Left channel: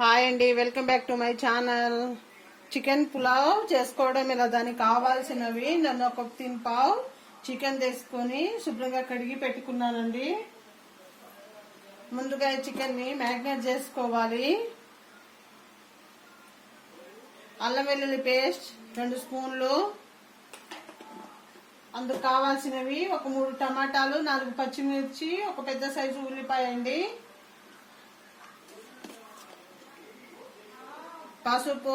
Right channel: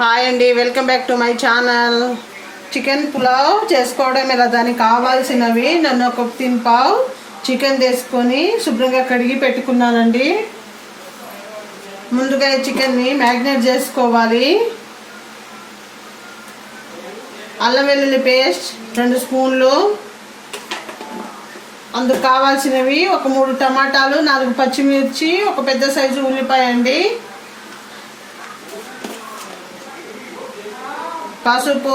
Hi అండి, welcome back to my channel. Chicken pulao చేసుకోవడం ఎలా, దానికి కావాల్సినవి నన్ను ఒక పావు చికెన్ తీసుకొని శుభ్రంగా కడిగి పెట్టుకున్నానండి. ముందుగా ఈ చికెన్ని మ్యారినేట్ చేసుకోవాలి. అల్లం వెల్లుల్లి పేస్ట్ 2 స్పూన్లు, అందుకు కావాల్సినవి ఒక 3 టమాటాలు, 4 పచ్చిమిర్చి, ఒక పెద్ద సైజు ఉల్లిపాయ అండి, పసుపు,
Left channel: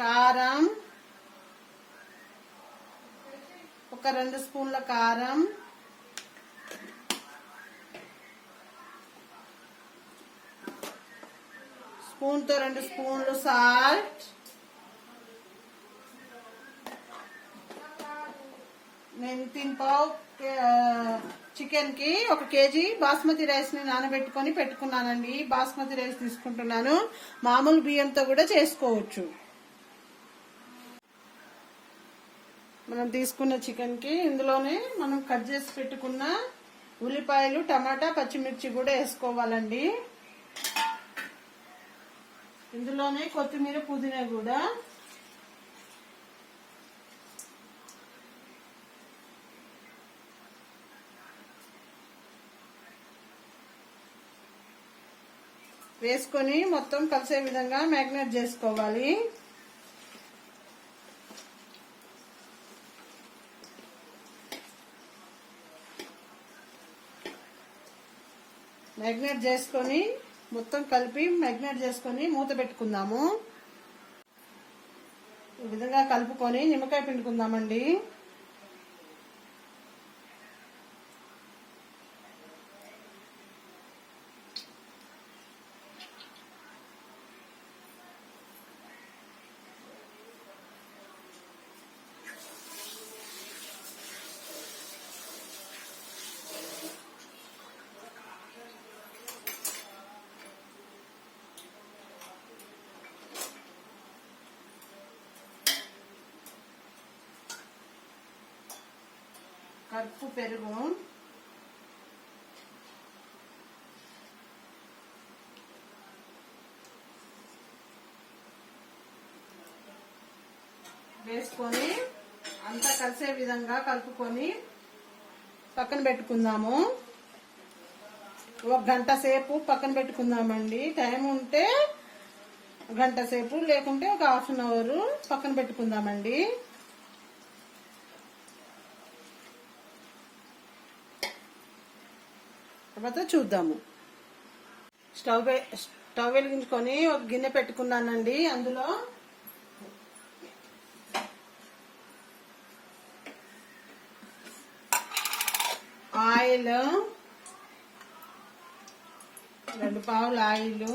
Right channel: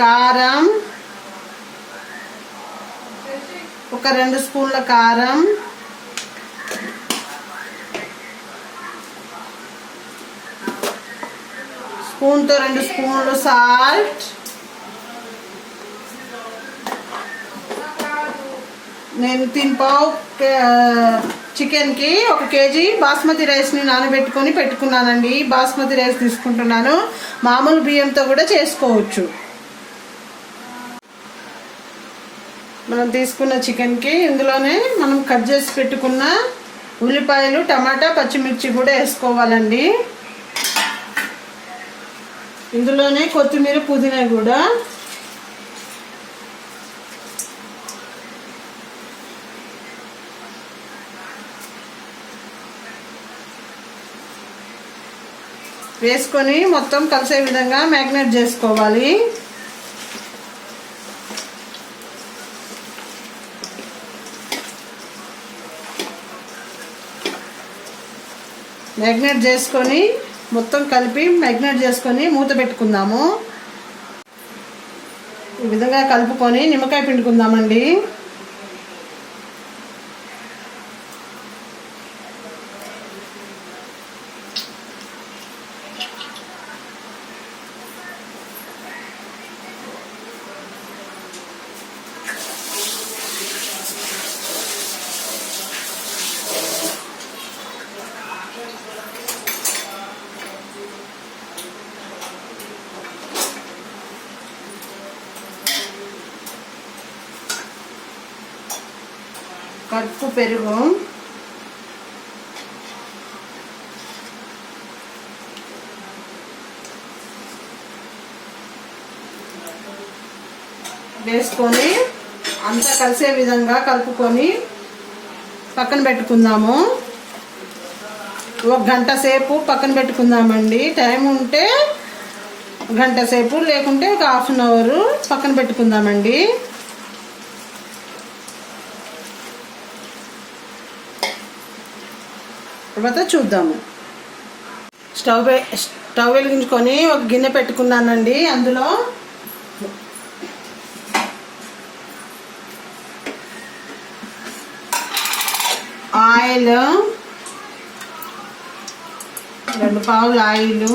కారం, ఒక 2 స్పూన్ల కారం, స్పూన్తో 2 స్పూన్లు సాల్ట్. నేను 3 పావు చికెన్కి 1 కేజీ బాస్మతి రైస్ని నానబెట్టుకొని పెట్టుకున్నానండి. బాస్మతి రైస్ తీసుకుంటున్నాను, మామూలు బియ్యంతో కూడా చేసుకోవచ్చు. మనం తీసుకున్న చికెన్కి ఇందులోనే మనం కట్ చేసి పెట్టుకున్న ఉల్లిపాయలు, టమాటా, పచ్చిమిర్చి కూడా వేసుకోవాలండి. ఇందులోనే కొత్తిమీర, పుదీనా కూడా. వేసుకొని మొత్తం కలిసే విధంగా మ్యారినేట్ చేసుకోవాలి. మ్యారినేట్ చేసుకొని మొత్తం కలిపి మ్యారినేట్ చేసుకొని మూత పెట్టుకుందాము. ఈ విధంగా కలుపుకొని నిమ్మకాయ పిండుకుందామండి. కప్పు పెరుగు, వేసుకొని అంతా కలిసే విధంగా కలుపుకొని పక్కన పెట్టుకుందాము. 1 గంట సేపు పక్కన పెట్టుకుందామండి. టైం ఉంటే 1 గంట సేపు, లేకుంటే ఒక 1/2 అవర్ పక్కన పెట్టుకుందామండి. తర్వాత చూద్దాము. స్టవ్ వెలిగించుకొని ఒక గిన్నె పెట్టుకున్నానండి. అందులో ఆయిల్, 2 పావులు ఆయిల్,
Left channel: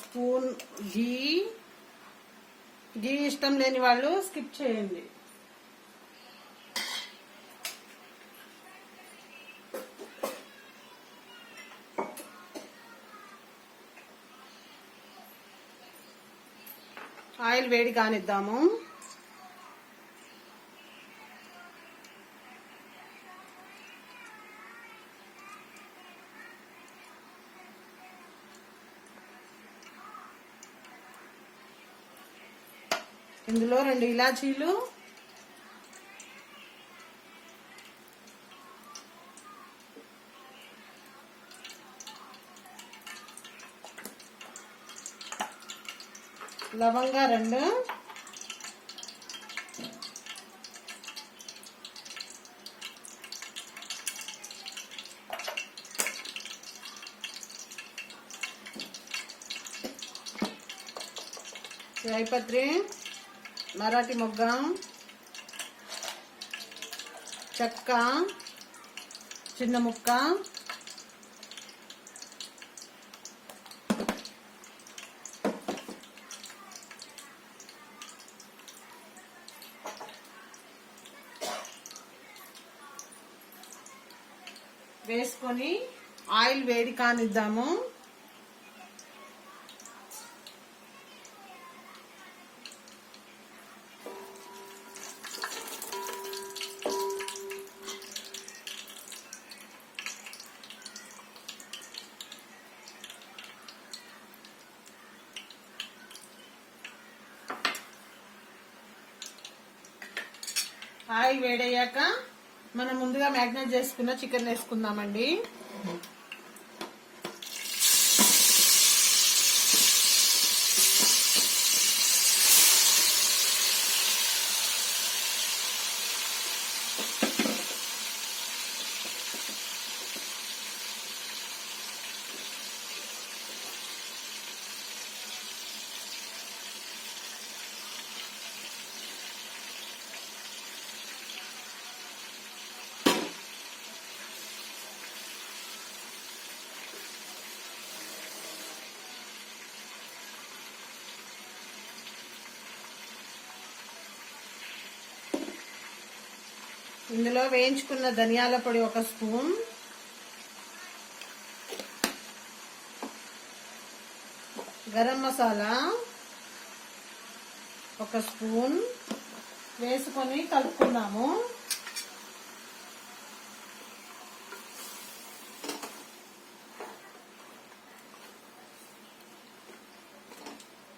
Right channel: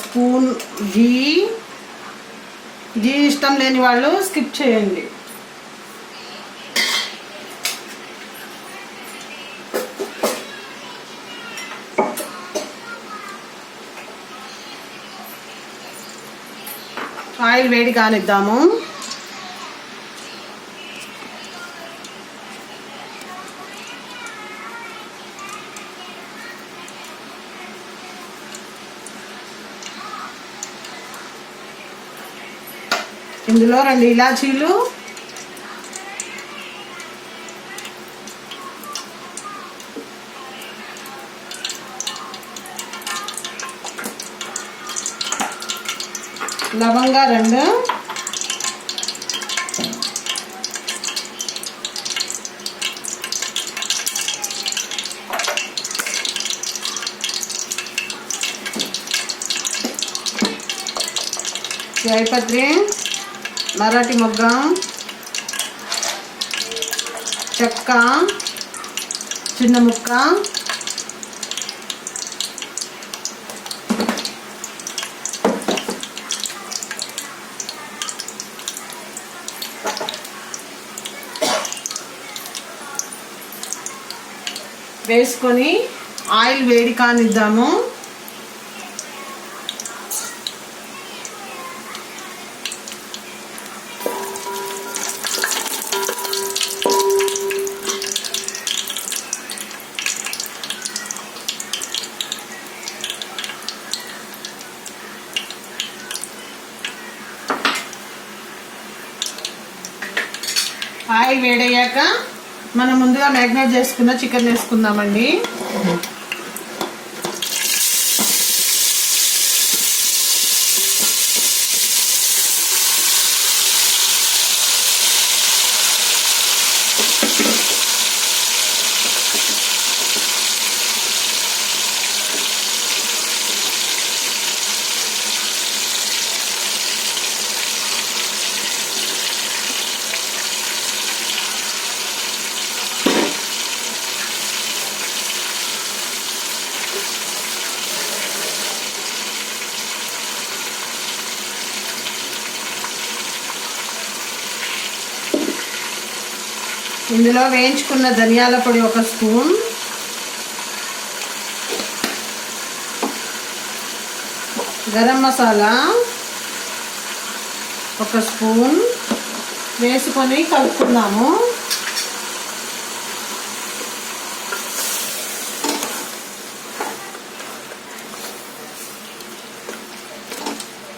స్పూన్ ఘీ. ఇష్టం లేని వాళ్ళు స్కిప్ చేయండి. ఆయిల్ వేడి కానిద్దాము. ఇందులో 2 ఇలాచీలు, లవంగా 2, జాయిపత్రి, మరాఠీ మొగ్గ, చెక్క చిన్న ముక్క, వేసుకొని ఆయిల్ వేడి కానిద్దాము. ఆయిల్ వేడయ్యాక మనం ముందుగా మ్యాగ్నేట్ చేసుకున్న చికెన్ వేసుకుందామండి. ఇందులో వేయించుకున్న ధనియాల పొడి 1 స్పూన్, గరం మసాలా 1 స్పూన్ వేసుకొని కలుపుకుందాము.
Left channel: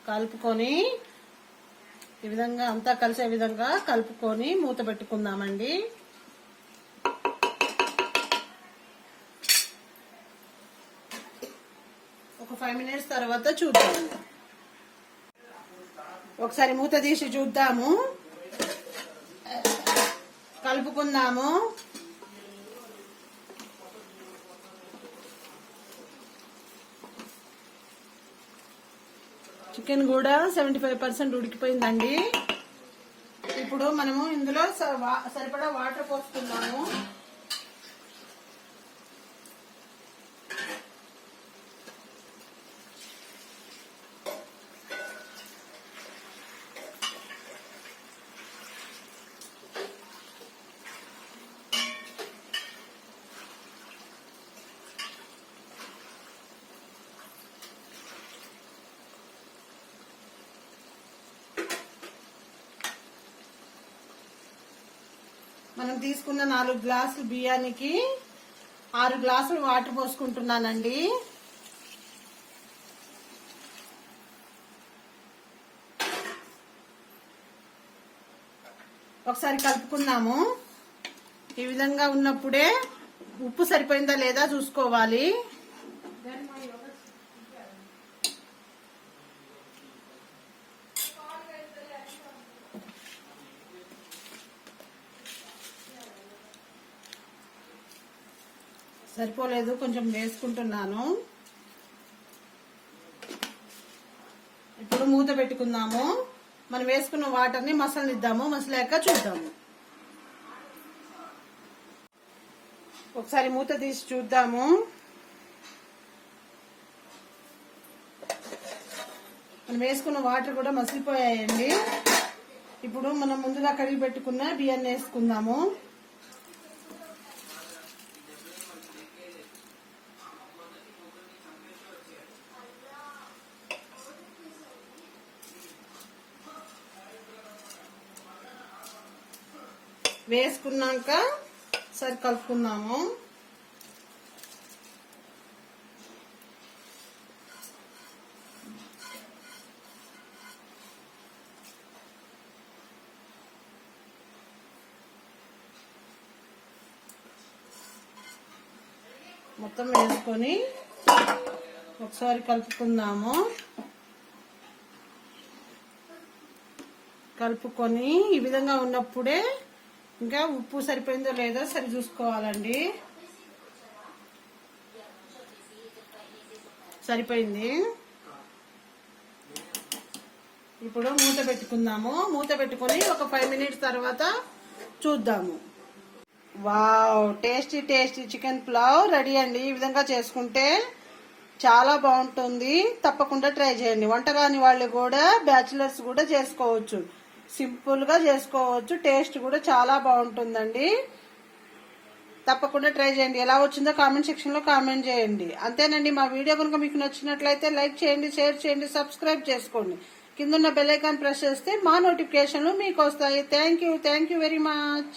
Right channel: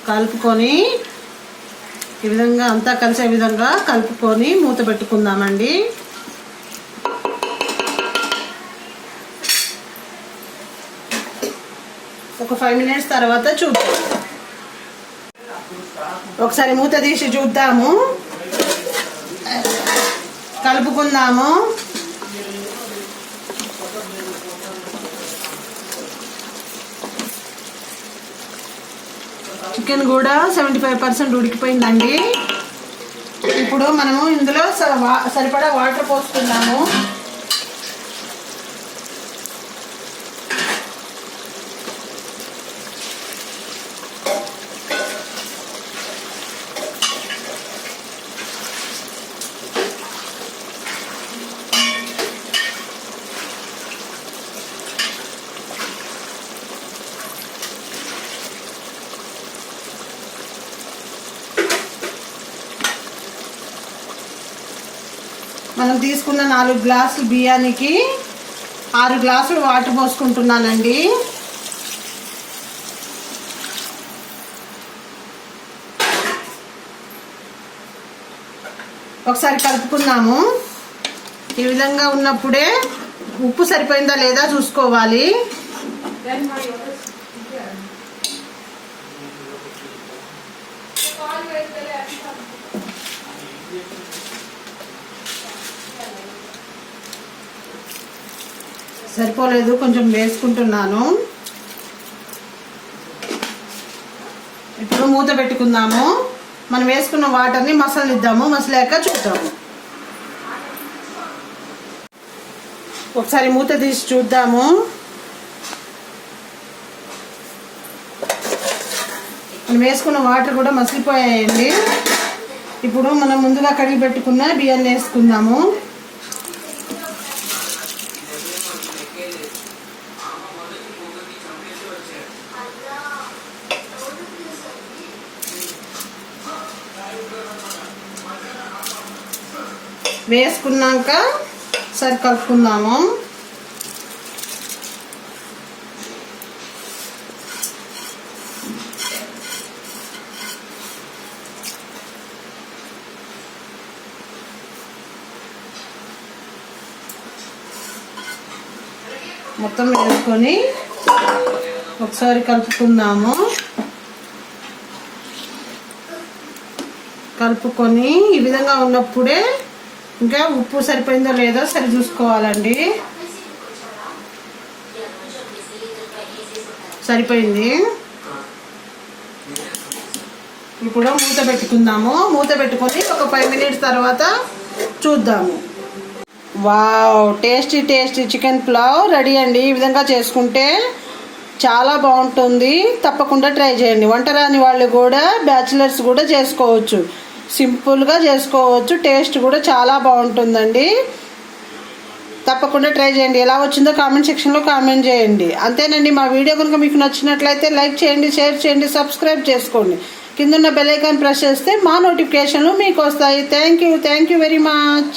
కలుపుకొని ఈ విధంగా అంతా కలిసే విధంగా కలుపుకొని మూత పెట్టుకుందామండి. ఒక 5 మినిట్స్ తర్వాత చూద్దాం. ఒకసారి మూత తీసి చూద్దాము, కలుపుకుందాము. చికెన్ కూడా 75% ఉడికిపోయిందండి. ఇప్పుడు మనము ఇందులో సరిపడా వాటర్ పోసుకుందాము. మనం తీసుకున్న 4 గ్లాసులు బియ్యానికి 6 గ్లాసులు వాటర్ పోసుకుంటున్నానండి. ఒకసారి కలుపుకుందాము. ఈ విధంగా ఉన్నప్పుడే ఉప్పు సరిపోయిందా లేదా చూసుకోవాలి. సరిపోలేదు, కొంచెం వేసుకుంటున్నాను. ఇప్పుడు మూత పెట్టుకుందాము. మనం వేసుకున్న వాటర్ని మసలిద్దాము. మసలాక చూద్దాము. ఒకసారి మూత తీసి చూద్దాము. మనం వేసుకున్న వాటర్ కూడా మసిలిపోయాయండి. ఇప్పుడు మనం ముందుగా కడిగి పెట్టుకున్న బియ్యాన్ని వేసుకుందాము. వేసుకున్నాక సరి కలుపుకుందాము. మొత్తం వేసుకొని ఒకసారి కలుపుకుందాము. కలుపుకొని ఈ విధంగా ఉన్నప్పుడే ఇంకా ఉప్పు సరిపోయిందో లేదో సరి చూసుకోవాలండి. సరిపోయింది. ఇప్పుడు మూత పెట్టుకుందాము. మూత పెట్టుకొని ఒక 5 మినిట్స్ తర్వాత చూద్దాము. Wow, tasty tasty chicken pulao ready అండి. ఈ విధంగా చేసుకుంటే చాలా బాగుంటుంది. తప్పకుండా ట్రై చేయండి. వంట రాని వాళ్ళు కూడా, బ్యాచిలర్స్ కూడా చేసుకోవచ్చు. సింపుల్గా చేసుకోవచ్చు. టేస్ట్ కూడా చాలా బాగుంటుందండి. తప్పకుండా ట్రై చేయండి. ఎలా వచ్చిందో కామెంట్ సెక్షన్లో కామెంట్ చేయండి. అంతేనండి. మా వీడియో కనుక మీకు నచ్చినట్లయితే లైక్ చేయండి, షేర్ చేయండి, సబ్స్క్రైబ్ చేసుకోండి. కింద ఉన్న బెల్ ఐకాన్ ప్రెస్ చేస్తే మా నోటిఫికేషన్లు మీకు వస్తాయి. Thank you very much.